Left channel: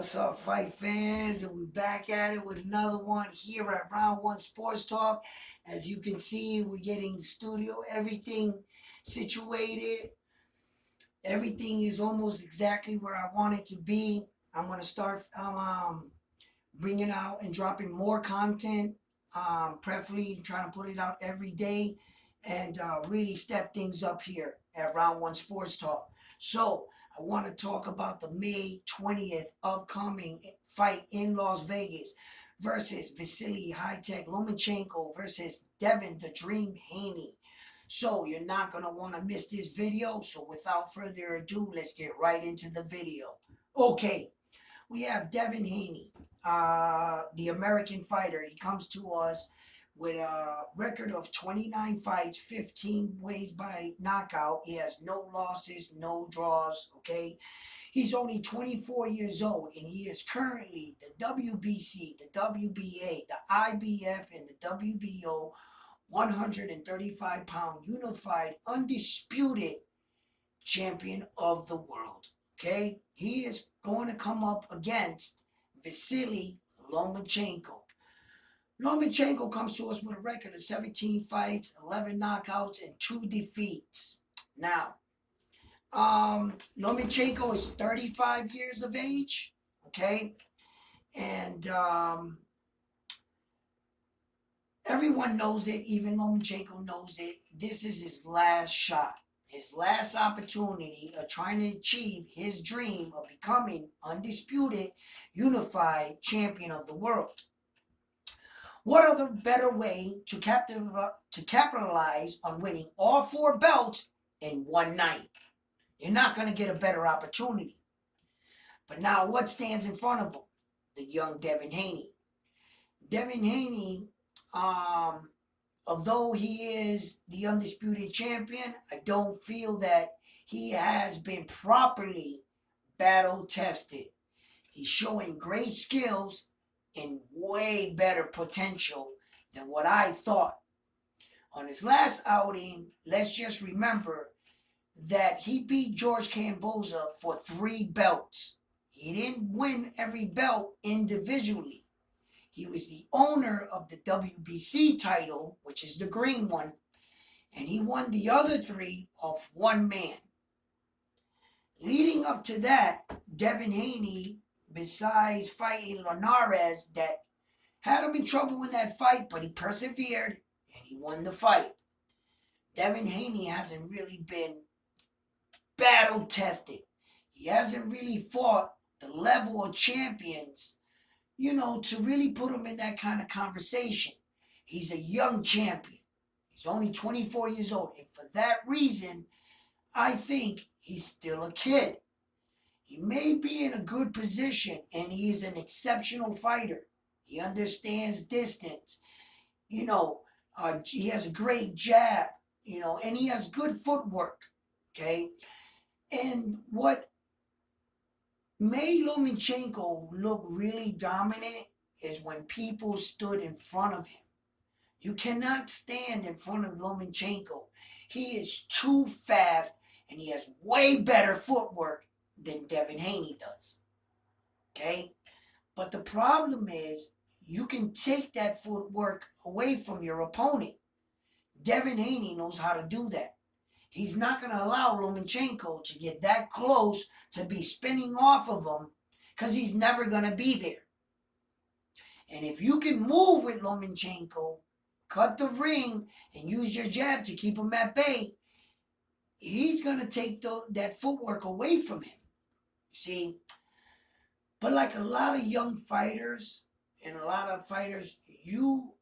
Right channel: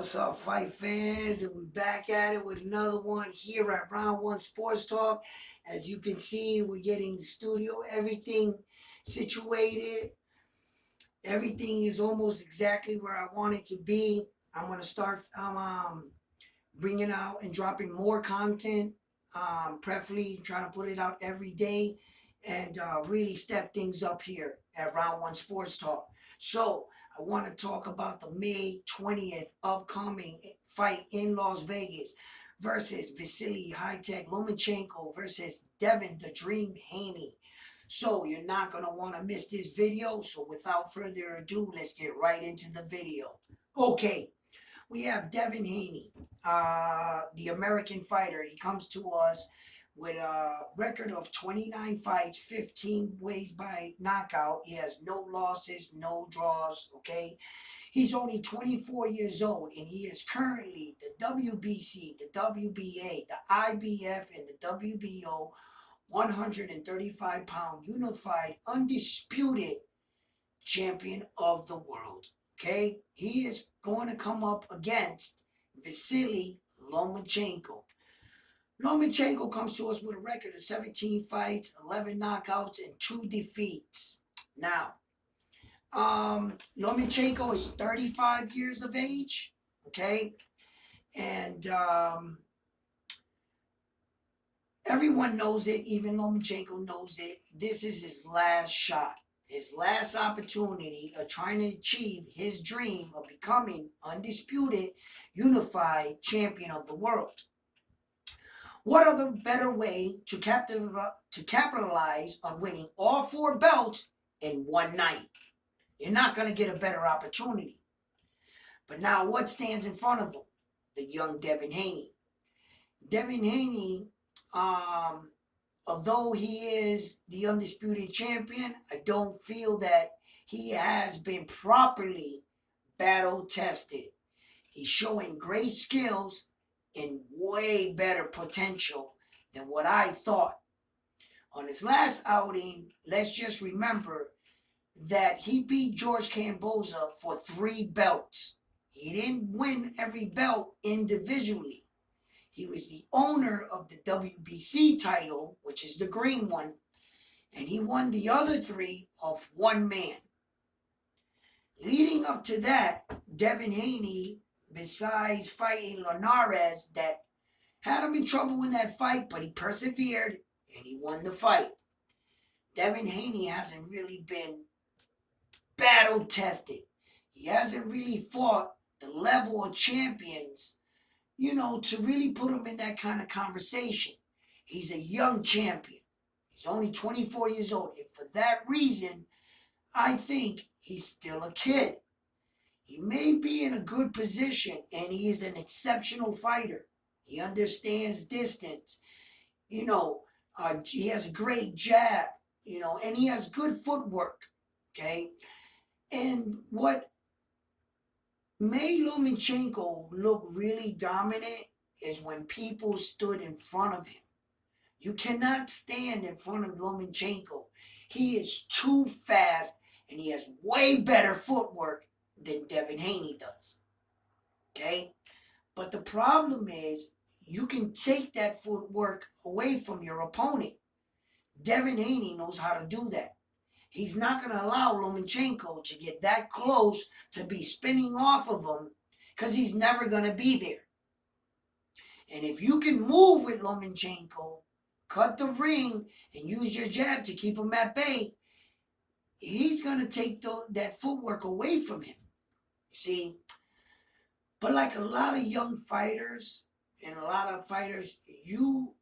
What's up, fight fans? And we're back at it with another one here at Round One Sports Talk. As you can see, we're getting the studio, everything situated. Everything is almost exactly where I want it to be. I'm gonna start bringing out and dropping more content. Preferably trying to put it out every day and really step things up here at Round One Sports Talk. So I want to talk about the May 20th upcoming fight in Las Vegas versus Vasily High-Tech Lomachenko versus Devin the Dream Haney. So you're not going to want to miss this video. So without further ado, let's get right into the video. Okay, we have Devin Haney, the American fighter. He comes to us with a record of 29 fights, 15 ways by knockout. He has no losses, no draws, okay? He's only 24 years old, and he is currently the WBC, the WBA, the IBF, and the WBO 135-pound unified undisputed champion of the world. Okay, he is going to come up against Vasily Lomachenko. Lomachenko comes to us with a record of 17 fights, 11 knockouts, and 2 defeats. Now, Lomachenko is 35 years of age, okay? And everyone knows it, even Lomachenko knows it. This is his last shot, his last opportunity of trying to achieve his dream of becoming undisputed, unified champion of the world. What other better way to capitalize on winning all 4 belts in one night? You're not going to get a better opportunity. But now what stands in front of him? The young Devin Haney. Devin Haney, although he is the undisputed champion, I don't feel that he has been properly battle tested. He's showing great skills and way better potential than what I thought. On his last outing, let's just remember that he beat George Kamboza for 3 belts. He didn't win every belt individually. He was the owner of the WBC title, which is the green one, and he won the other 3 off one man. Leading up to that, Devin Haney, besides fighting Linares, that had him in trouble in that fight, but he persevered and he won the fight. Devin Haney hasn't really been battle tested. He hasn't really fought the level of champions, to really put him in that kind of conversation. He's a young champion. He's only 24 years old. And for that reason, I think he's still a kid. He may be in a good position, and he is an exceptional fighter. He understands distance. He has a great jab, and he has good footwork, okay? And what made Lomachenko look really dominant is when people stood in front of him. You cannot stand in front of Lomachenko. He is too fast, and he has way better footwork than Devin Haney does. Okay? But the problem is, you can take that footwork away from your opponent. Devin Haney knows how to do that. He's not going to allow Lomachenko to get that close to be spinning off of him, because he's never going to be there. And if you can move with Lomachenko, cut the ring, and use your jab to keep him at bay, he's going to take that footwork away from him. You see? But like a lot of young fighters and a lot of fighters, you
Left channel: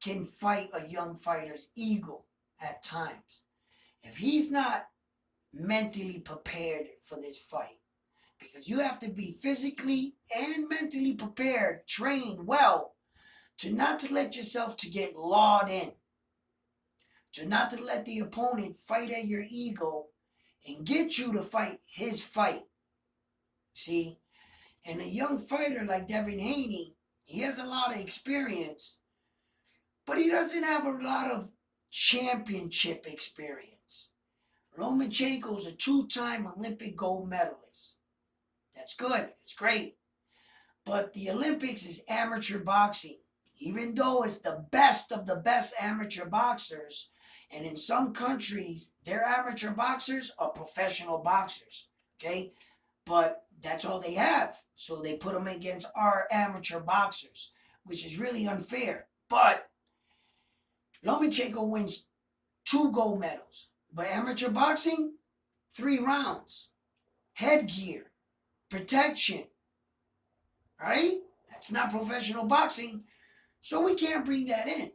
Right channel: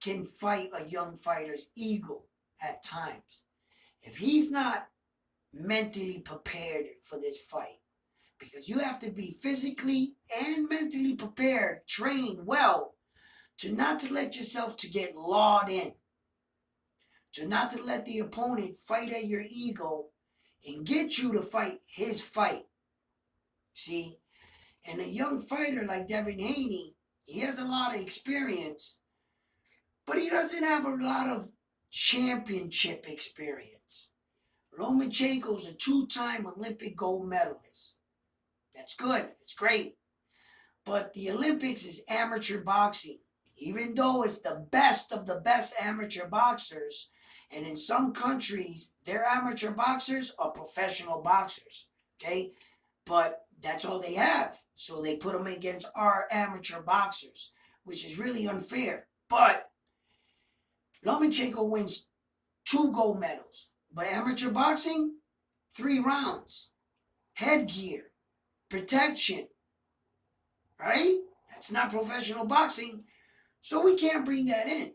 can fight a young fighter's ego at times. If he's not mentally prepared for this fight, because you have to be physically and mentally prepared, trained well, to not to let yourself to get lawed in, to not to let the opponent fight at your ego and get you to fight his fight. See? And a young fighter like Devin Haney, he has a lot of experience, but he doesn't have a lot of championship experience. Lomachenko's a 2-time Olympic gold medalist. That's good. It's great. But the Olympics is amateur boxing. Even though it's the best of the best amateur boxers, and in some countries, their amateur boxers are professional boxers. Okay? But that's all they have. So they put them against our amateur boxers, which is really unfair. But Lomachenko wins 2 gold medals. But amateur boxing, 3 rounds. Headgear, protection, right? That's not professional boxing. So we can't bring that in.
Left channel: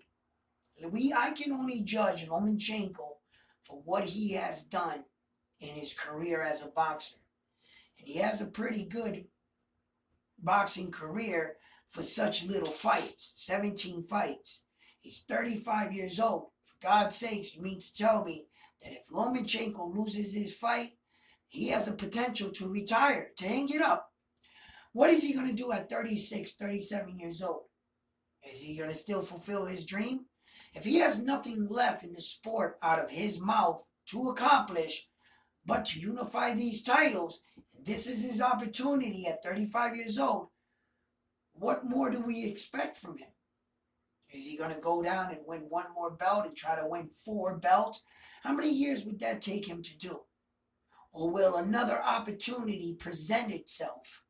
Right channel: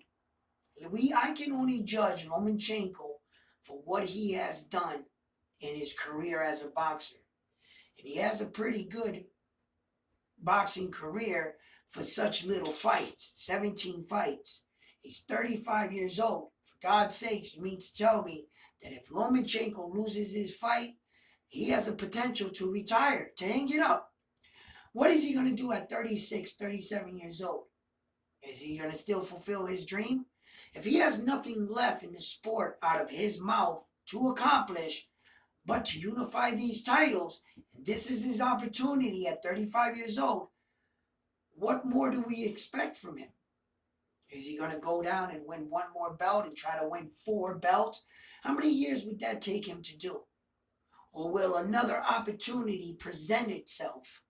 I can only judge Lomachenko for what he has done in his career as a boxer. And he has a pretty good boxing career for such little fights, 17 fights. He's 35 years old. For God's sakes, you mean to tell me that if Lomachenko loses his fight, he has a potential to retire, to hang it up? What is he going to do at 36, 37 years old? Is he going to still fulfill his dream? If he has nothing left in the sport out of his mouth to accomplish but to unify these titles, and this is his opportunity at 35 years old, what more do we expect from him? Is he going to go down and win 1 more belt and try to win 4 belts? How many years would that take him to do? Or will another opportunity present itself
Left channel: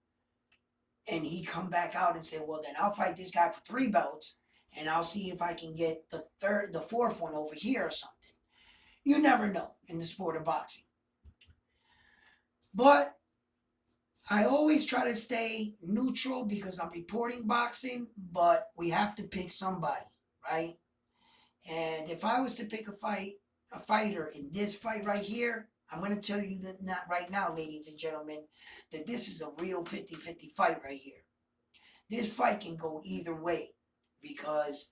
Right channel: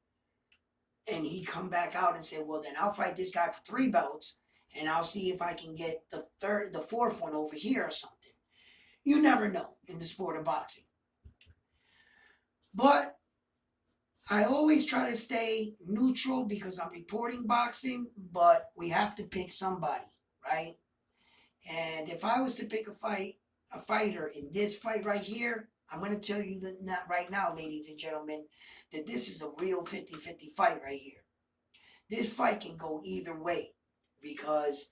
and he come back out and say, well, then I'll fight this guy for 3 belts and I'll see if I can get the 4th one over here or something. You never know in the sport of boxing. But I always try to stay neutral because I'm reporting boxing, but we have to pick somebody, right? And if I was to pick a fighter in this fight right here, I'm going to tell you that not right now, ladies and gentlemen, that this is a real 50-50 fight right here. This fight can go either way because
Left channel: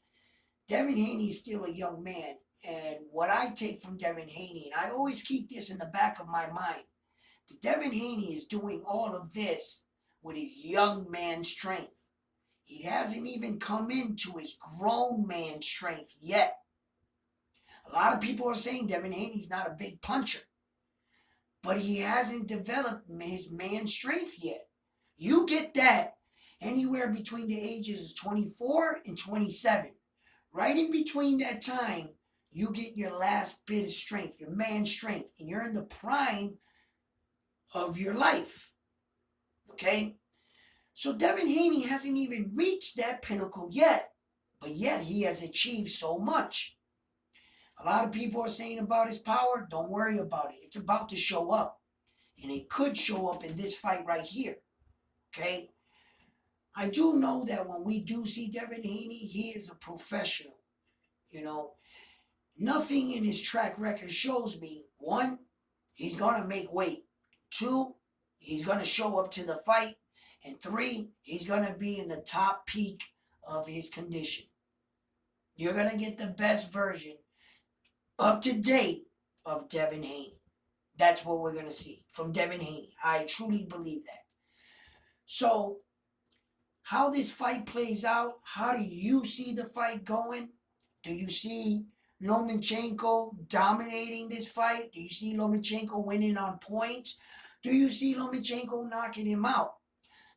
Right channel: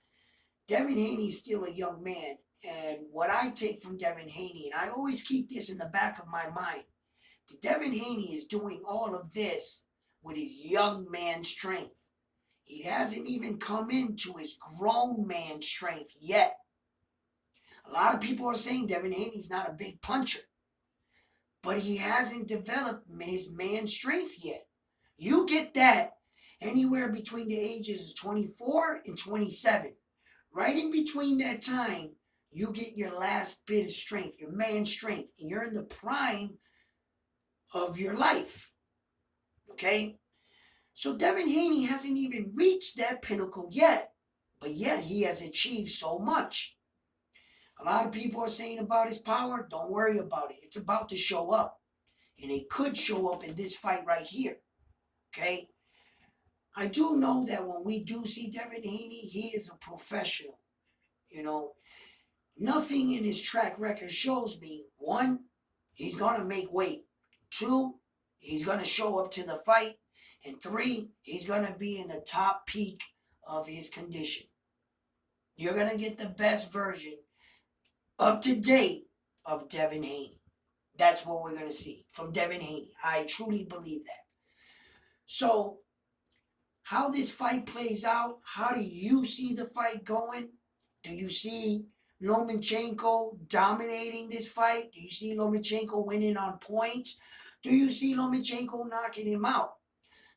Devin Haney is still a young man. And what I take from Devin Haney, and I always keep this in the back of my mind, that Devin Haney is doing all of this with his young man strength. He hasn't even come into his grown man strength yet. A lot of people are saying Devin Haney's not a big puncher, but he hasn't developed his man strength yet. You get that anywhere between the ages of 24 and 27. Right in between that time, you get your last bit of strength, your man strength, and you're in the prime of your life. Okay? So Devin Haney hasn't even reached that pinnacle yet, but yet he has achieved so much. A lot of people are saying about his power, don't worry about it. It's about to show up. And it could show up in this fight right here. Okay? I do know that when we do see Devin Haney, he is a professional. You know, nothing in his track record shows me, 1, he's going to make weight. 2, he's going to show up to the fight. And 3, he's going to be in the top peak of his condition. You're going to get the best version up to date of Devin Haney. That's what we're going to see from Devin Haney. I truly believe that. So, how this fight plays out, how do you see the fight going? Do you see Lomachenko dominating this fight? Do you see Lomachenko winning on points? Do you see Lomachenko knocking him out?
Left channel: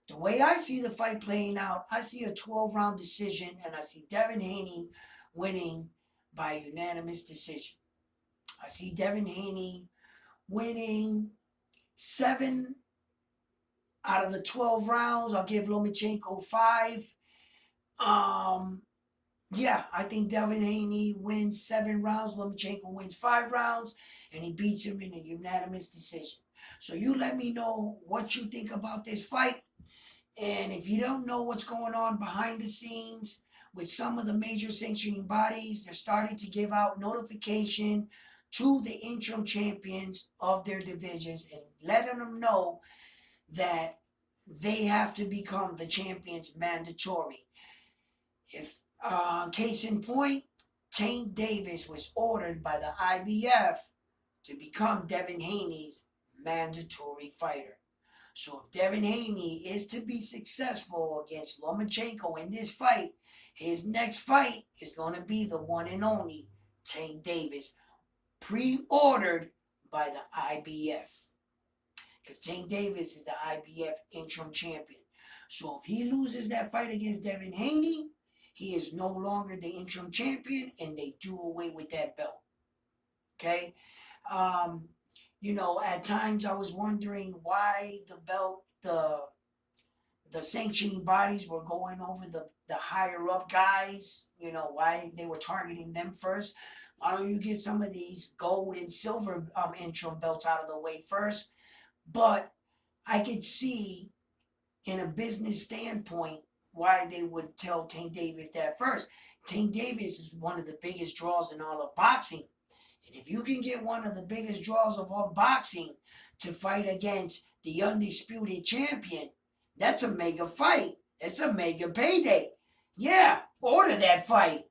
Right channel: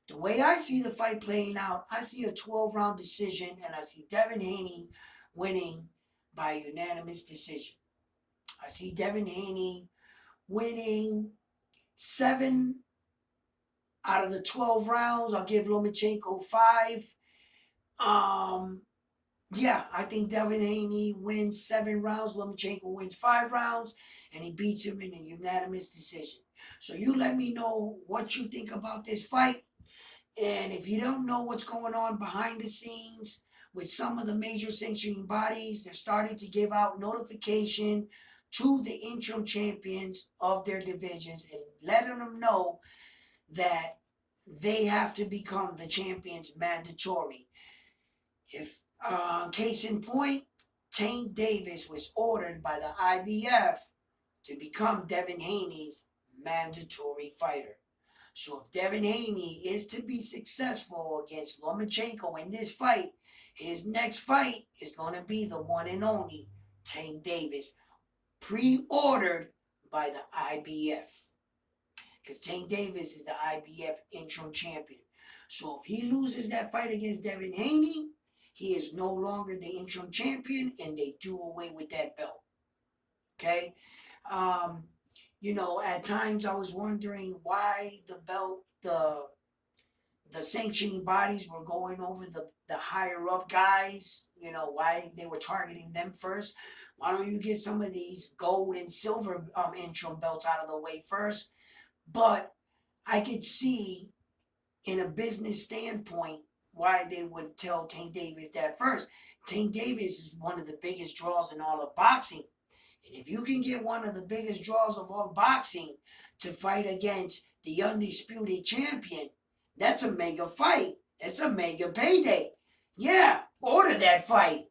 The way I see the fight playing out, I see a 12-round decision, and I see Devin Haney winning by unanimous decision. I see Devin Haney winning 7 out of the 12 rounds. I'll give Lomachenko 5. Yeah, I think Devin Haney wins 7 rounds. Lomachenko wins 5 rounds, and he beats him in a unanimous decision. So you let me know what you think about this fight. And if you don't know what's going on behind the scenes with some of the major sanctioning bodies, they're starting to give out notification to the interim champions of their divisions and letting them know that they have to become the champions mandatory. If case in point, Tank Davis was ordered by the IBF to become Devin Haney's mandatory fighter. So if Devin Haney is to be successful against Lomachenko in this fight, his next fight is going to be the one and only Tank Davis, pre-ordered by the IBF. because Tank Davis is the IBF interim champion. So if he loses that fight against Devin Haney, he is no longer the interim champion, and they do away with that belt. Okay, um, at times I was wondering why the sanctioning bodies were going over the higher up guys. Why they were targeting them first. Why don't you get some of these gold and silver interim belts out of the way first? But I could see in a business standpoint why they would tell Tank Davis that first. Tank Davis is one of the biggest draws in all of boxing. And if you can get one of the biggest draws of all boxing to fight against the undisputed champion, that's a mega fight. It's a mega payday. Yeah, order that fight.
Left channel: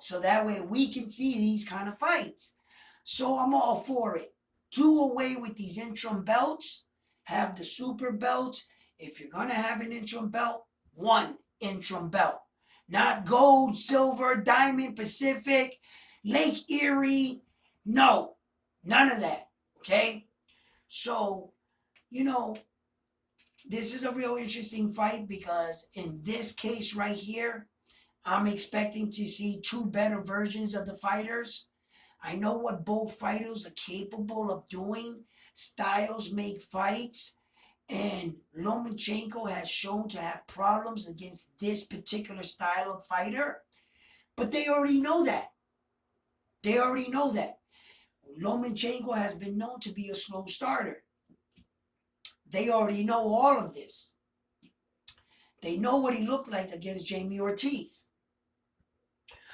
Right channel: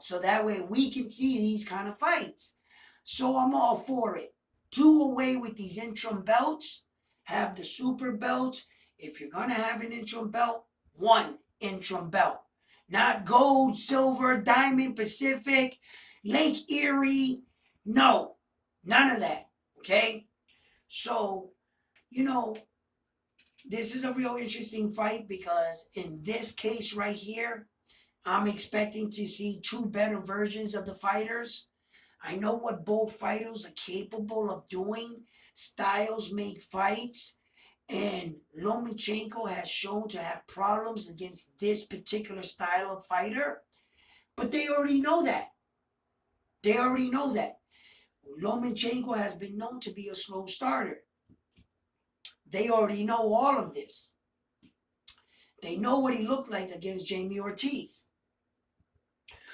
So that way we can see these kind of fights. So I'm all for it. Do away with these interim belts. Have the super belts. If you're going to have an interim belt, one interim belt. Not gold, silver, diamond, Pacific, Lake Erie. No, none of that. Okay? So, this is a real interesting fight because in this case right here, I'm expecting to see two better versions of the fighters. I know what both fighters are capable of doing. Styles make fights. And Lomachenko has shown to have problems against this particular style of fighter. But they already know that. They already know that. Lomachenko has been known to be a slow starter. They already know all of this. They know what he looked like against Jamie Ortiz.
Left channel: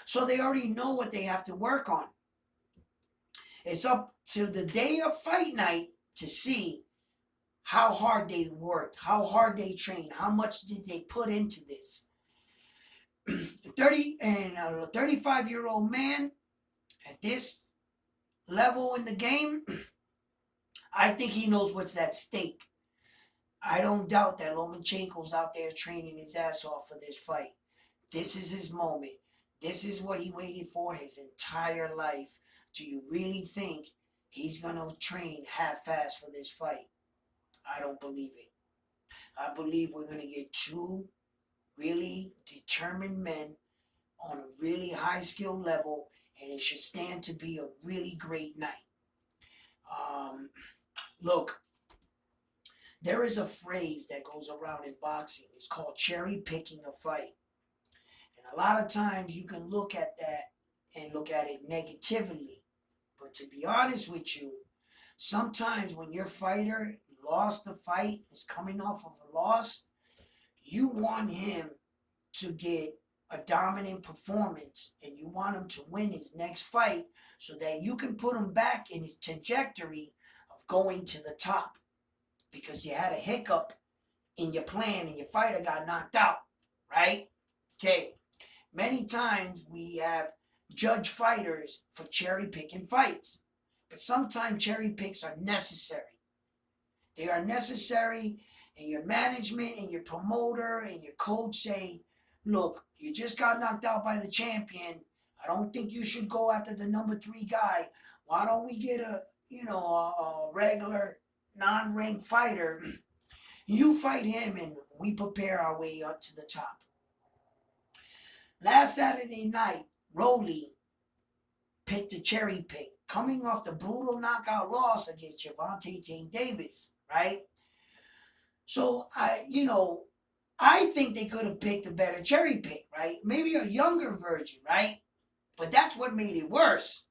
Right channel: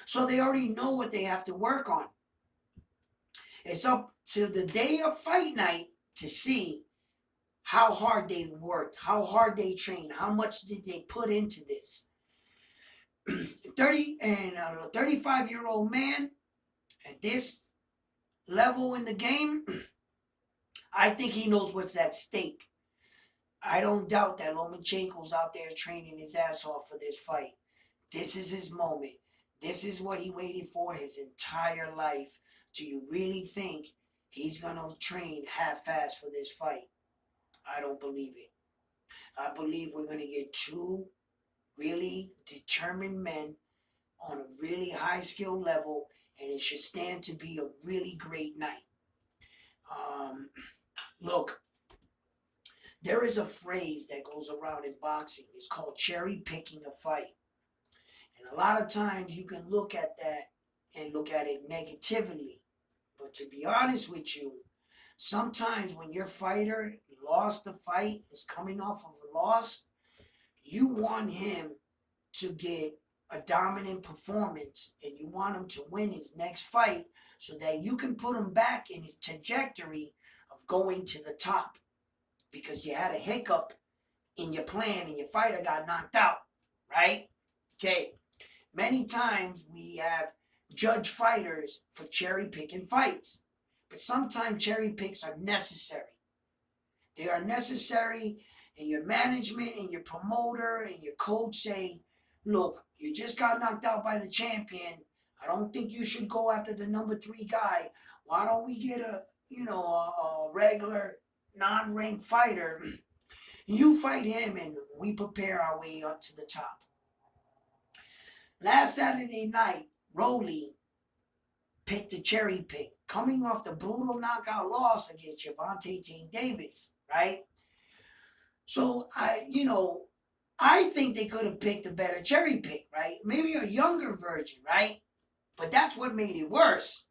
So they already know what they have to work on. It's up to the day of fight night to see how hard they worked, how hard they trained, how much did they put into this. 35-year-old man at this level in the game, I think he knows what's at stake. I don't doubt that Lomachenko's out there training his ass off for this fight. This is his moment. This is what he waited for his entire life. Do you really think he's going to train half-assed for this fight? I don't believe it. I believe we're going to get two really determined men on a really high skill level, and it should stand to be a really great night. Look, there is a phrase that goes around in boxing. It's called cherry picking a fight. And a lot of times you can look at that and look at it negatively. But to be honest with you, sometimes when your fighter lost the fight, is coming off of a loss, you want him to get a dominant performance and you want him to win his next fight so that you can put him back in his trajectory of going to the top because you had a hiccup in your plan and your fighter got knocked out, right? Okay. Many times we have judge fighters for cherry picking fights, but sometimes cherry picks are necessary. They are necessary, and your management and your promoter and your coach say, look, you just got knocked out by the champion. I don't think you should go after the number 3 guy. Why don't we get a regular non-ranked fighter? You fight him and we prepare our way up to the top. Last Saturday night, Rolly picked a cherry pick, coming off the brutal knockout loss against Gervonta Tank Davis, right? So I think they could have picked a better cherry pick, right? Maybe a younger version, right? But that's what made it worse.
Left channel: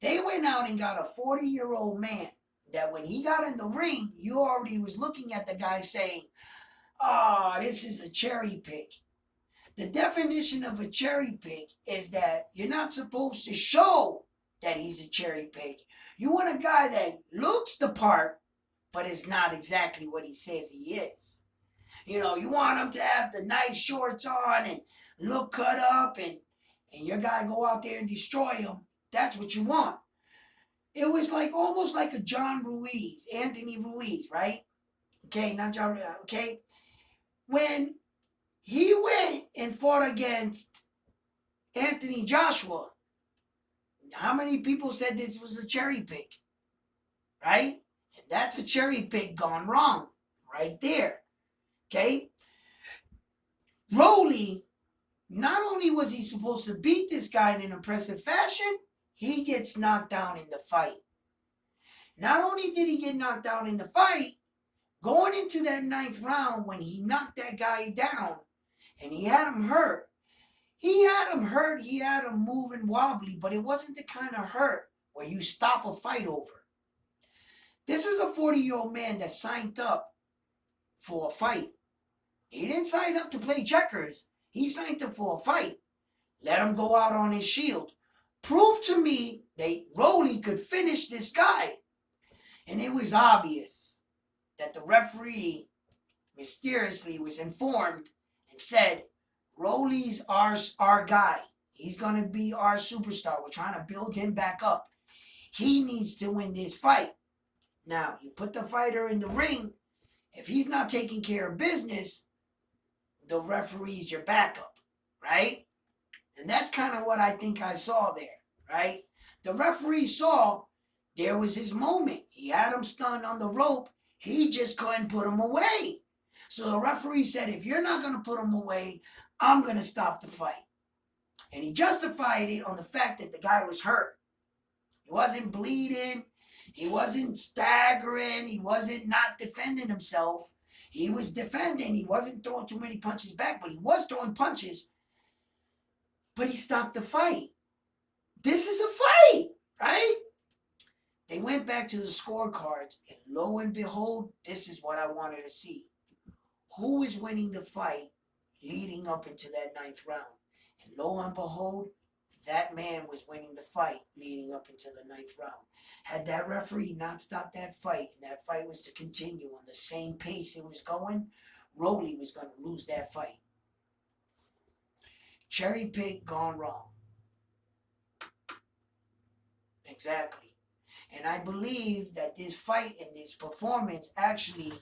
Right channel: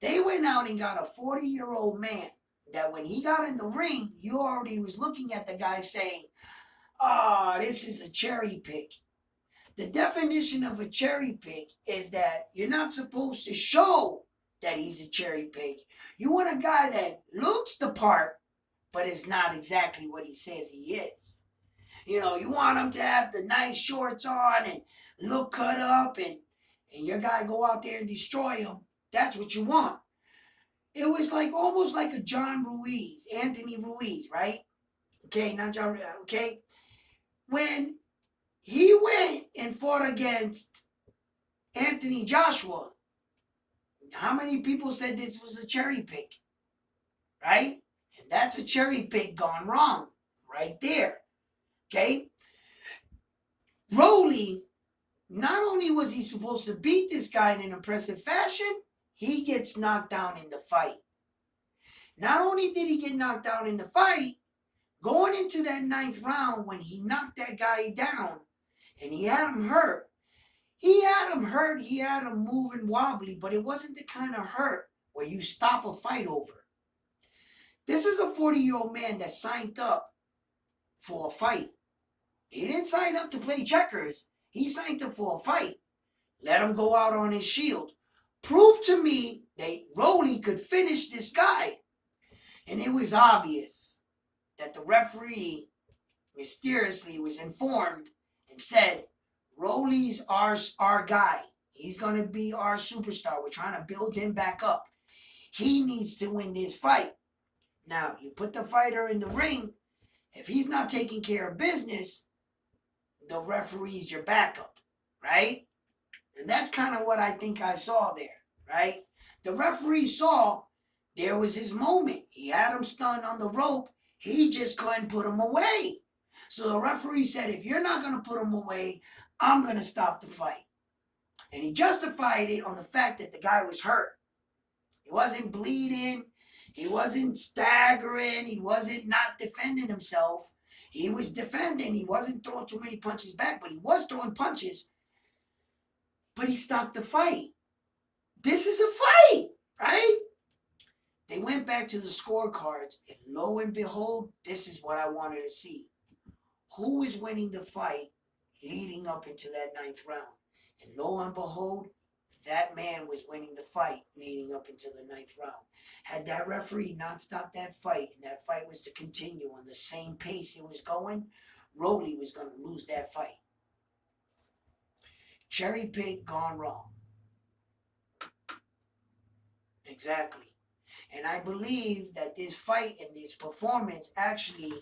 They went out and got a 40-year-old man that when he got in the ring, you already was looking at the guy saying, this is a cherry pick. The definition of a cherry pick is that you're not supposed to show that he's a cherry pick. You want a guy that looks the part, but is not exactly what he says he is. You want him to have the nice shorts on and look cut up and your guy go out there and destroy him. That's what you want. It was almost like a Anthony Ruiz, right? Okay, not John, okay? When he went and fought against Anthony Joshua, how many people said this was a cherry pick? Right? And That's a cherry pick gone wrong right there. Okay? Rolly, not only was he supposed to beat this guy in an impressive fashion, he gets knocked down in the fight. Not only did he get knocked out in the fight, going into that ninth round when he knocked that guy down and he had him hurt, he had him moving wobbly, but it wasn't the kind of hurt where you stop a fight over. This is a 40-year-old man that signed up for a fight. He didn't sign up to play checkers. He signed up for a fight. Let him go out on his shield. Prove to me that Rolly could finish this guy. And it was obvious that the referee mysteriously was informed and said, Rolly's our guy. He's going to be our superstar. We're trying to build him back up. He needs to win this fight. Now, you put the fighter in the ring. If he's not taking care of business, the referee's your backup, right? And that's kind of what I think I saw there, right? The referee saw there was his moment. He had him stunned on the rope. He just couldn't put him away. So the referee said, if you're not going to put him away, I'm going to stop the fight. And he justified it on the fact that the guy was hurt. He wasn't bleeding. He wasn't staggering. He wasn't not defending himself. He was defending. He wasn't throwing too many punches back, but he was throwing punches. But he stopped the fight. This is a fight, right? They went back to the scorecards, and lo and behold, this is what I wanted to see. Who is winning the fight leading up into that ninth round? And lo and behold, that man was winning the fight leading up into the ninth round. Had that referee not stopped that fight, and that fight was to continue on the same pace it was going, Rolly was going to lose that fight. Cherry pick gone wrong. Exactly. And I believe that this fight and this performance actually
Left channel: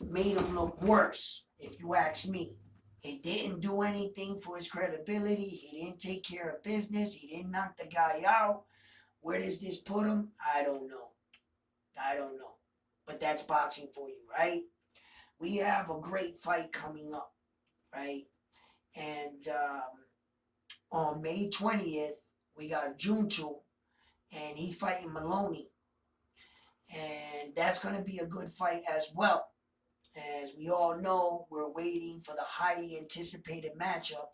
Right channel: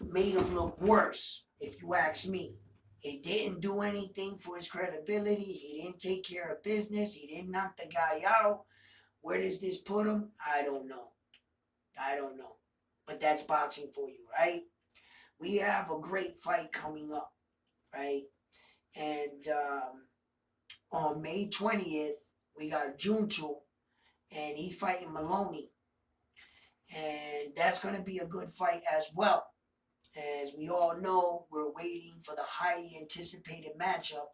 made him look worse, if you ask me. He didn't do anything for his credibility. He didn't take care of business. He didn't knock the guy out. Where does this put him? I don't know. But that's boxing for you, right? We have a great fight coming up, right? And on May 20th, we got Junto, and he's fighting Maloney. And that's going to be a good fight as well. As we all know, we're waiting for the highly anticipated matchup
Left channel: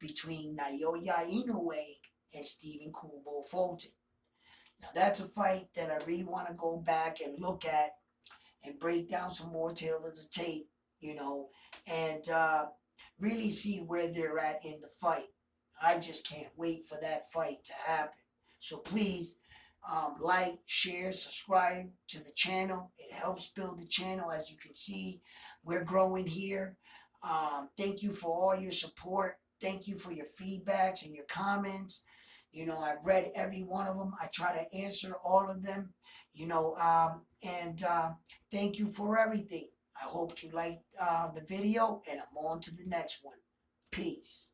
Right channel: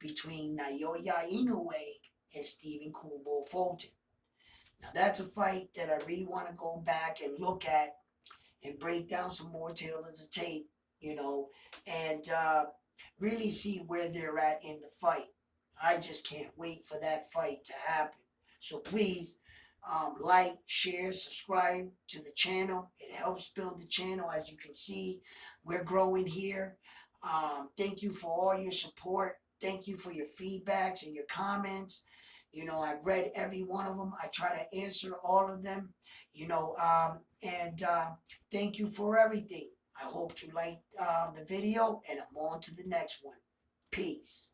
between Naoya Inoue and Stephen Kubo Fulton. Now, that's a fight that I really want to go back and look at and break down some more tail of the tape, and really see where they're at in the fight. I just can't wait for that fight to happen. So please, like, share, subscribe to the channel. It helps build the channel. As you can see, we're growing here. Thank you for all your support. Thank you for your feedbacks and your comments. I read every one of them. I try to answer all of them, and thank you for everything. I hope you liked the video, and I'm on to the next one. Peace.